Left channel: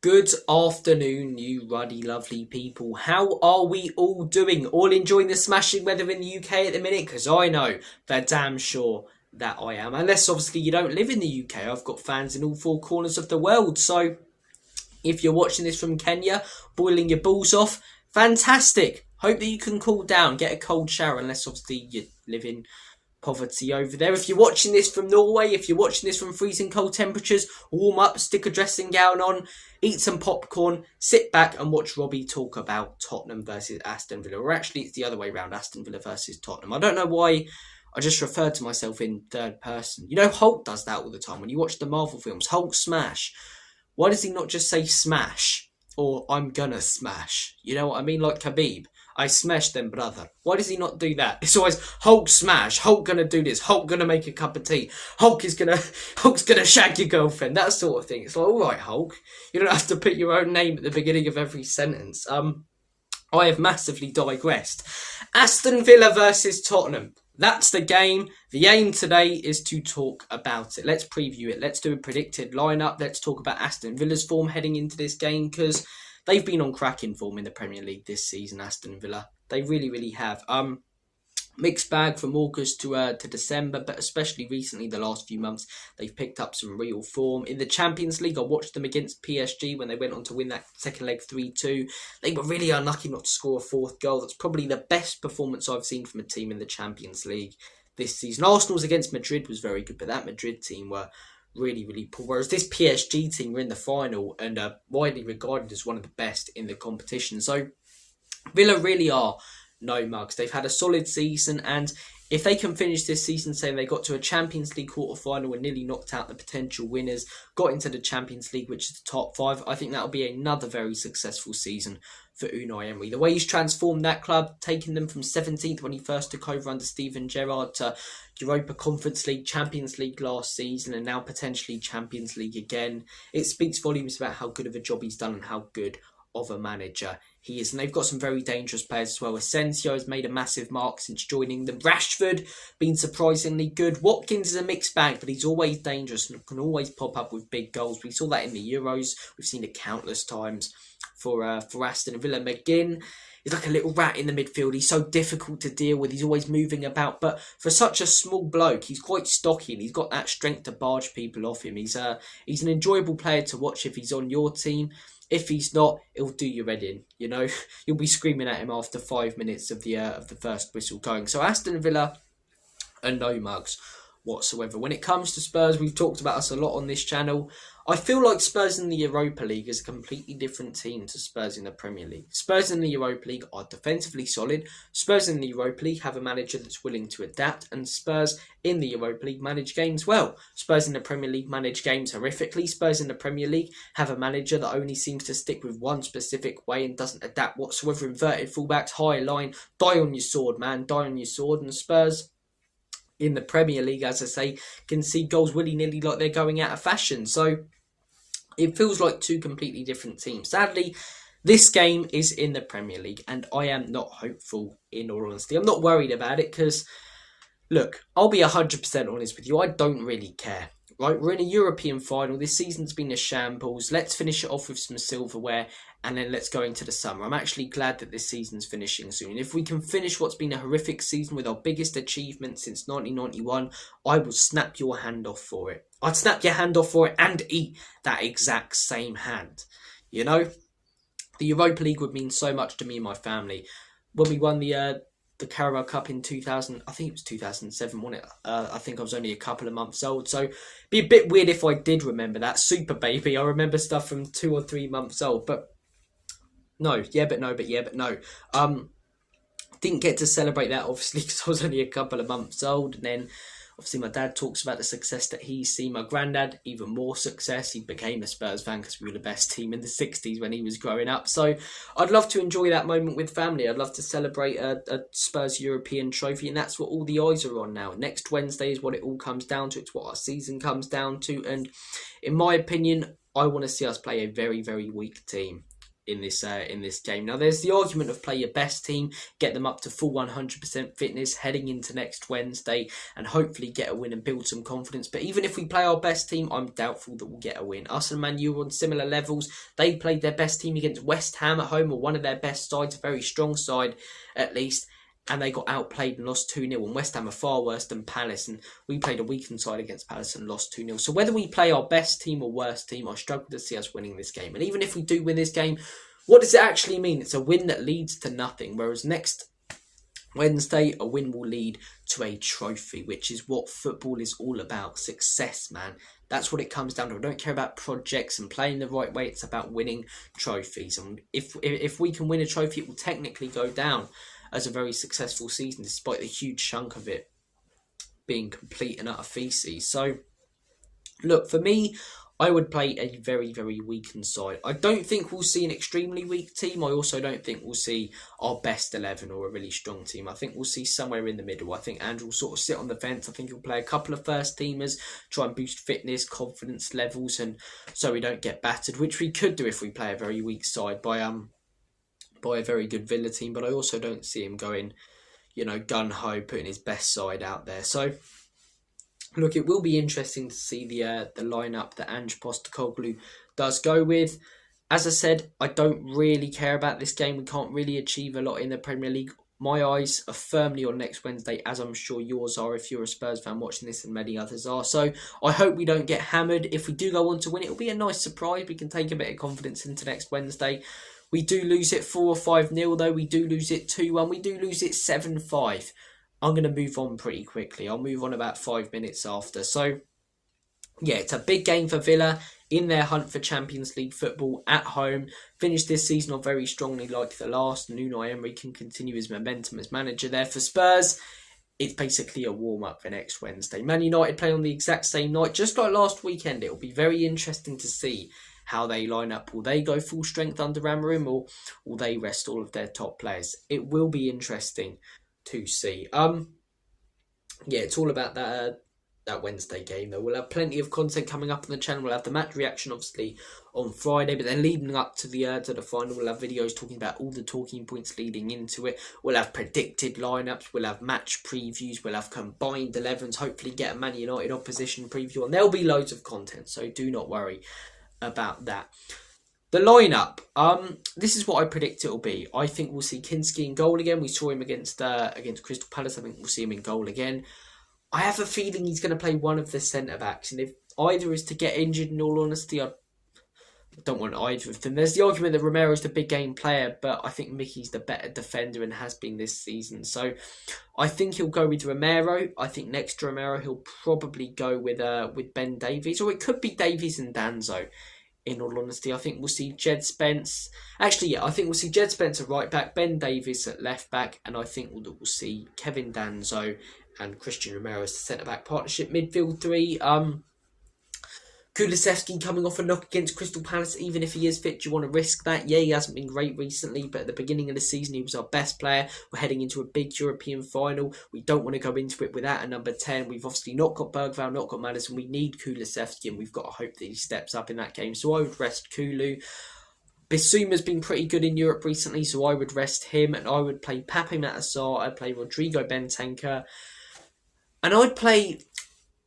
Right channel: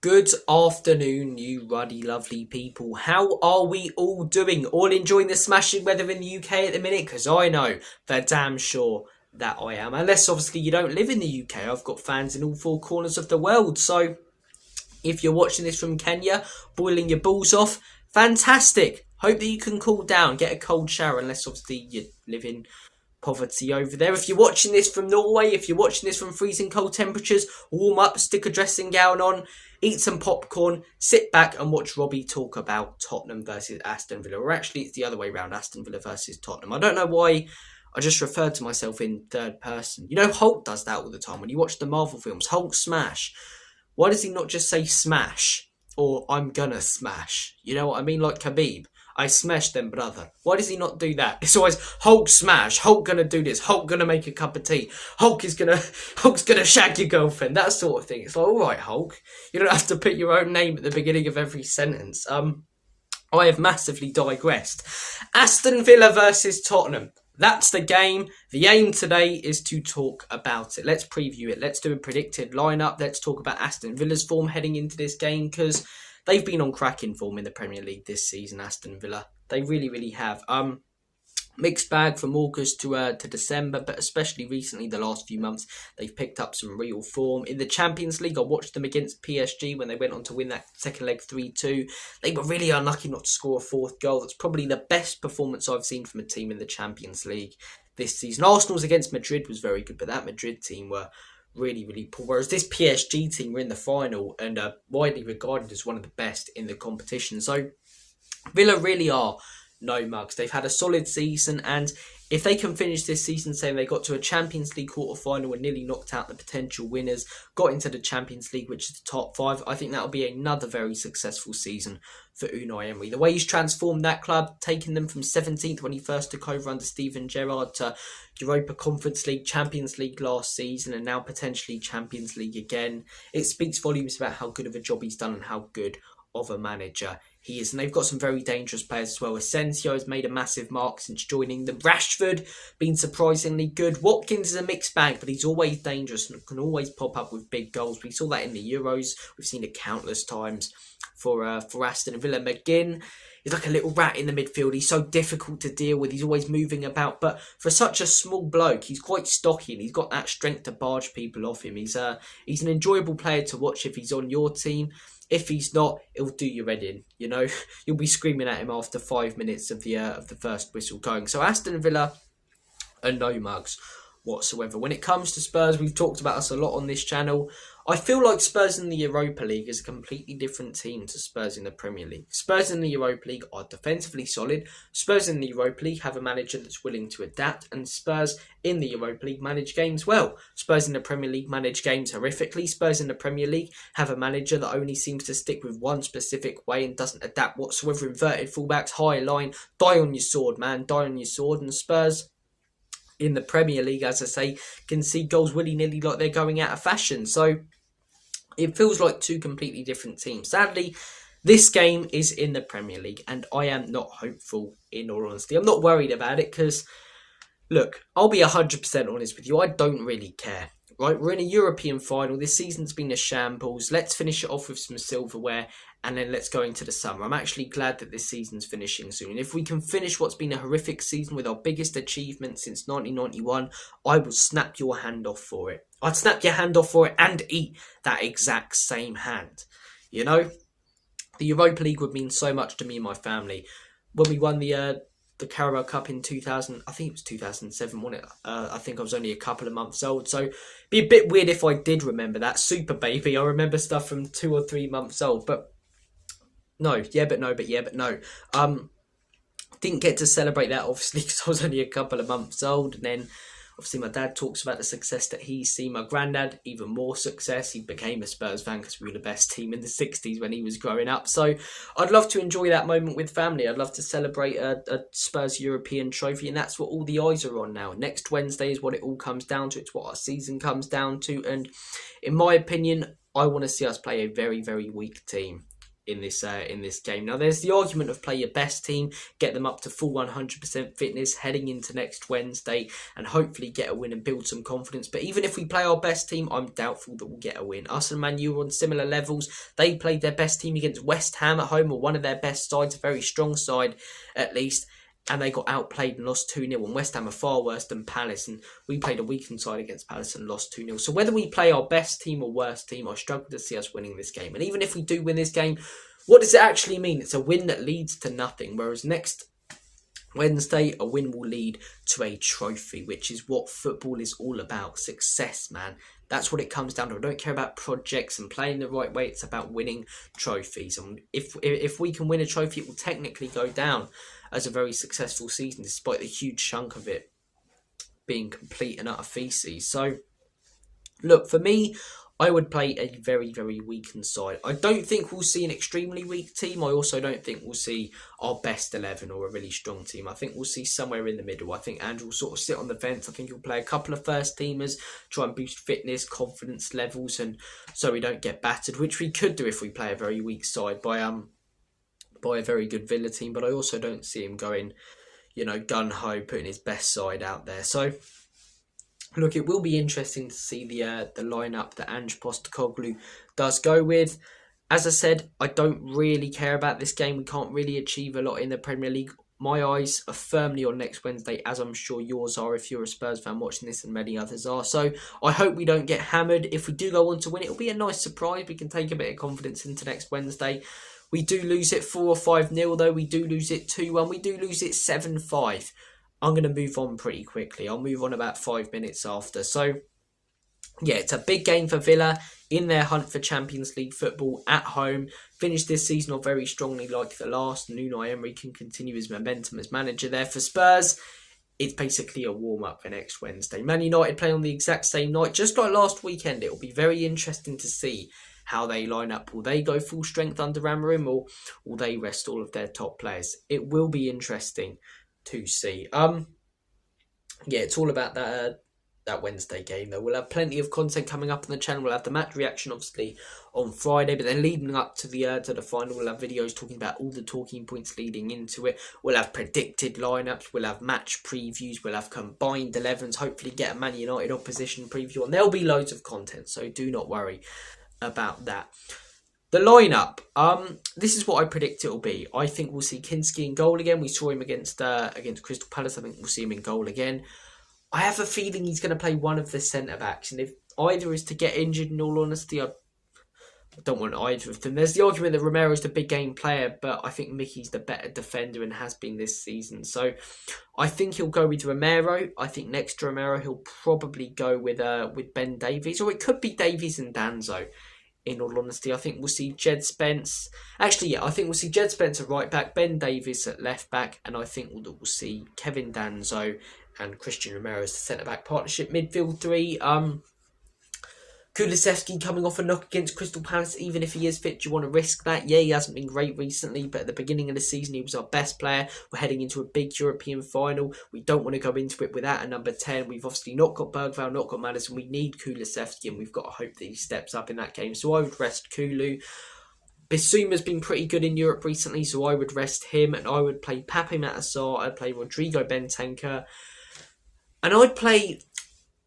Good afternoon, you ruddy, lovely people. How are we all doing? All enjoying the smashing weather in the UK at the minute? Because I know for damn sure that I am. Unless, obviously, you don't live in the UK. I've got fans in all four corners of the world. So, if you're watching this from Kenya, boiling your balls off, fantastic. Hope that you can cool down, get a cold shower, unless, obviously, you live in poverty over there. If you're watching this from Norway, if you're watching this from freezing cold temperatures, warm up, stick a dressing gown on, eat some popcorn, sit back and watch Robbie talk about Tottenham versus Aston Villa. Or actually, it's the other way around, Aston Villa versus Tottenham. I don't know why I just referred to myself in third person. You know, Hulk does that all the time. When you watch the Marvel films, Hulk smash. Why does he not just say smash? Or I'm gonna smash? You know what I mean? Like Khabib. I smashed them, brother. Why does he not do that? It's always Hulk smash, Hulk gonna do this, Hulk gonna make a cup of tea, Hulk's gonna shag your girlfriend, that sort of thing. It's like, alright, Hulk, you don't have to put your own name at the beginning of every sentence. I have massively digressed. Aston Villa versus Tottenham. That's the game. The aim today is to talk about it. Let's preview it. Let's do a predicted lineup. Let's talk about Aston Villa's form heading into this game, because they've been on cracking form in the Premier League this season, Aston Villa. They really, really have. Mixed bag from August to December, but especially recently, the last few months, they've picked up some real form. In the Champions League, I watched them against PSG when they went on to win that second leg 3-2. They were really unlucky not to score a fourth goal. That's probably the best performance I've seen from a team in the Champions League this season. Arsenal's against Madrid was very good, but that Madrid team were really, really poor. Whereas this PSG team were in the final and are widely regarded as one of the best in the competition. So Villa really are no mugs. They've had a solid season, and if they can finish this season saying they got to a Champions League quarter-final and nearly knocked out the potential winners, got into the Champions League, which is the top five, I think that'll be another very successful season for Unai Emery. The way he's transformed that club, taking them from 17th when he first took over under Steven Gerrard to Europa Conference League, Champions League last season, and now potentially Champions League again. It speaks volumes about how good of a job he's done and how good of a manager he is. And they've got some very dangerous players as well. Asensio has made a massive mark since joining them. Rashford been surprisingly good. Watkins is a mixed bag, but he's always dangerous and can always pop up with big goals. We saw that in the Euros. We've seen it countless times for Aston Villa. McGinn is like a little rat in the midfield. He's so difficult to deal with. He's always moving about, but for such a small bloke, he's quite stocky and he's got that strength to barge people off him. He's an enjoyable player to watch if he's on your team. If he's not, he'll do your head in. You know, you'll be screaming at him after 5 minutes of the first whistle going. So Aston Villa are no mugs whatsoever. When it comes to Spurs, we've talked about us a lot on this channel. I feel like Spurs in the Europa League is a completely different team to Spurs in the Premier League. Spurs in the Europa League are defensively solid. Spurs in the Europa League have a manager that's willing to adapt, and Spurs in the Europa League manage games well. Spurs in the Premier League manage games horrifically. Spurs in the Premier League have a manager that only seems to stick with one specific way and doesn't adapt whatsoever. Inverted fullbacks, high line, die on your sword, man, die on your sword. And Spurs in the Premier League, as I say, can see goals willy-nilly like they're going out of fashion. So it feels like two completely different teams. Sadly, this game is in the Premier League, and I am not hopeful, in all honesty. I'm not worried about it because, look, I'll be 100% honest with you. I don't really care. Right, we're in a European final. This season's been a shambles. Let's finish it off with some silverware, and then let's go into the summer. I'm actually glad that this season's finishing soon. And if we can finish what's been a horrific season with our biggest achievement since 1991, I will snap your hand off for it. I'd snap your hand off for it and eat that exact same hand. You know, the Europa League would mean so much to me and my family. When we won the Carabao Cup in 2000, I think it was 2007, wasn't it? I think I was only a couple of months old, so it'd be a bit weird if I did remember that. Super baby, I remember stuff from 2 or 3 months old, but no, yeah, but no, but yeah, but no. Didn't get to celebrate that, obviously, because I was only a couple of months old, and then obviously my dad talks about the success that he's seen. My granddad, even more success. He became a Spurs fan because we were the best team in the 60s when he was growing up. So I'd love to enjoy that moment with family. I'd love to celebrate a Spurs European trophy, and that's what all the eyes are on now. Next Wednesday is what it all comes down to. It's what our season comes down to. And in my opinion, I want to see us play a very, very weak team in this game. Now, there's the argument of play your best team, get them up to full 100% fitness heading into next Wednesday, and hopefully get a win and build some confidence. But even if we play our best team, I'm doubtful that we'll get a win. Us and Man U are on similar levels. They played their best team against West Ham at home, or one of their best sides, a very strong side at least, and they got outplayed and lost 2-0, and West Ham are far worse than Palace, and we played a weakened side against Palace and lost 2-0. So whether we play our best team or worst team, I struggle to see us winning this game. And even if we do win this game, what does it actually mean? It's a win that leads to nothing, whereas next Wednesday, a win will lead to a trophy, which is what football is all about. Success, man. That's what it comes down to. I don't care about projects and playing the right way. It's about winning trophies. And if we can win a trophy, it will technically go down as a very successful season, despite the huge chunk of it being complete and utter feces. So, look, for me, I would play a very, very weakened side. I don't think we'll see an extremely weak team. I also don't think we'll see our best 11 or a really strong team. I think we'll see somewhere in the middle. I think Andrew will sort of sit on the fence. I think he'll play a couple of first teamers, try and boost fitness, confidence levels, and so we don't get battered, which we could do if we play a very weak side by a very good Villa team. But I also don't see him going, gun-ho, putting his best side out there. So, look, it will be interesting to see the lineup that Ange Postecoglou does go with. As I said, I don't really care about this game. We can't really achieve a lot in the Premier League. My eyes are firmly on next Wednesday, as I'm sure yours are if you're a Spurs fan watching this, and many others are. So I hope we don't get hammered. If we do go on to win, it'll be a nice surprise. We can take a bit of confidence into next Wednesday. We do lose it 4 or 5-0 though. We do lose it 2-1. We do lose it 7-5. I'm going to move on pretty quickly. I'll move on about 5 minutes after. So, yeah, it's a big game for Villa in their hunt for Champions League football at home. Finished this season off very strongly like the last. Unai Emery can continue his momentum as manager there. For Spurs, it's basically a warm-up for next Wednesday. Man United playing on the exact same night, just like last weekend. It'll be very interesting to see how they line up. Will they go full strength under Amorim, or will they rest all of their top players? It will be interesting to see. Yeah, it's all about that Wednesday game though. We'll have plenty of content coming up on the channel. We'll have the match reaction obviously on Friday, but then leading up to the final, we'll have videos talking about all the talking points leading into it. We'll have predicted lineups, we'll have match previews, we'll have combined 11s, hopefully get a Man United opposition preview, and there'll be loads of content, so do not worry about that. The lineup, this is what I predict it'll be. I think we'll see Kinski in goal again. We saw him against Crystal Palace. I think we'll see him in goal again. I have a feeling he's going to play one of the centre-backs, and if either is to get injured, in all honesty, I don't want either of them. There's the argument that Romero's the big game player, but I think Mickey's the better defender and has been this season. So I think he'll go with Romero. I think next to Romero, he'll probably go with Ben Davies, or it could be Davies and Danzo. In all honesty, I think we'll see Jed Spence. Actually, yeah, I think we'll see Jed Spence at right back, Ben Davies at left back, and I think we'll see Kevin Danzo and Christian Romero as the centre-back partnership. Midfield three, Kulusevski coming off a knock against Crystal Palace. Even if he is fit, do you want to risk that? Yeah, he hasn't been great recently, but at the beginning of the season, he was our best player. We're heading into a big European final. We don't want to go into it without a number 10. We've obviously not got Bergvall, not got Maddison. We need Kulusevski, and we've got to hope that he steps up in that game. So I would rest Kulu. Bissouma's been pretty good in Europe recently, so I would rest him, and I would play Pape Matar. I'd play Rodrigo Bentancur, and I'd play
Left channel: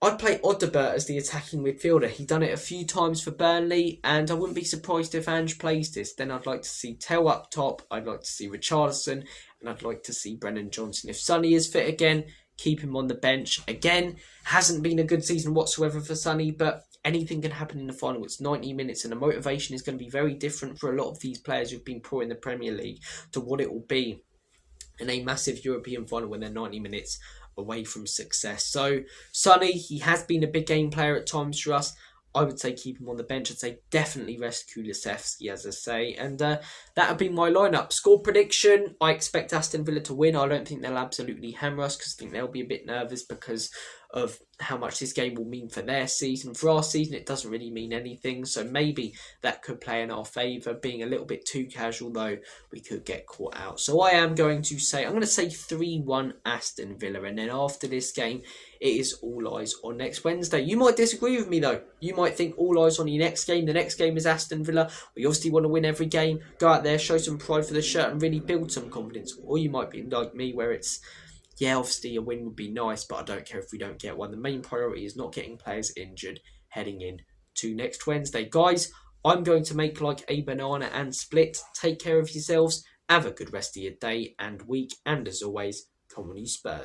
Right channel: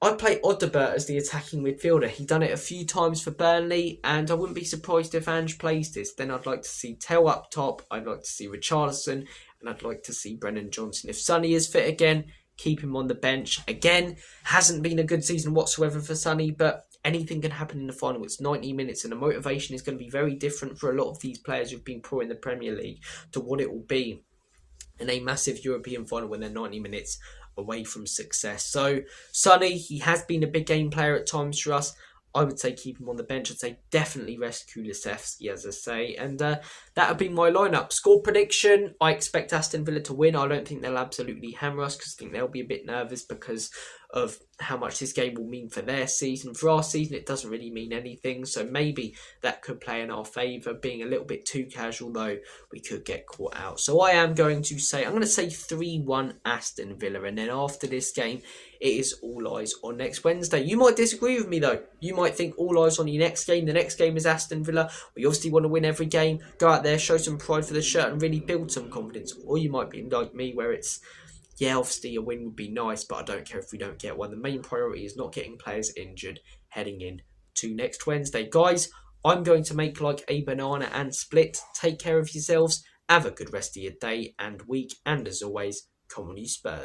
Odobert as the attacking midfielder. He's done it a few times for Burnley, and I wouldn't be surprised if Ange plays this. Then I'd like to see Tell up top, I'd like to see Richarlison, and I'd like to see Brennan Johnson. If Sonny is fit again, keep him on the bench. Again, hasn't been a good season whatsoever for Sonny, but anything can happen in the final. It's 90 minutes, and the motivation is going to be very different for a lot of these players who've been poor in the Premier League to what it will be in a massive European final when they're 90 minutes away from success. So Sonny, he has been a big game player at times for us. I would say keep him on the bench. I'd say definitely rest Kulusevski, as I say. And that would be my lineup. Score prediction, I expect Aston Villa to win. I don't think they'll absolutely hammer us, because I think they'll be a bit nervous because of how much this game will mean for their season. For our season, it doesn't really mean anything, so maybe that could play in our favour. Being a little bit too casual, though, we could get caught out. So I'm going to say 3-1 Aston Villa, and then after this game, it is all eyes on next Wednesday. You might disagree with me though. You might think all eyes on your next game. The next game is Aston Villa. We obviously want to win every game. Go out there, show some pride for the shirt and really build some confidence. Or you might be like me where it's, yeah, obviously a win would be nice, but I don't care if we don't get one. The main priority is not getting players injured heading in to next Wednesday. Guys, I'm going to make like a banana and split. Take care of yourselves. Have a good rest of your day and week. And as always, come on you Spurs.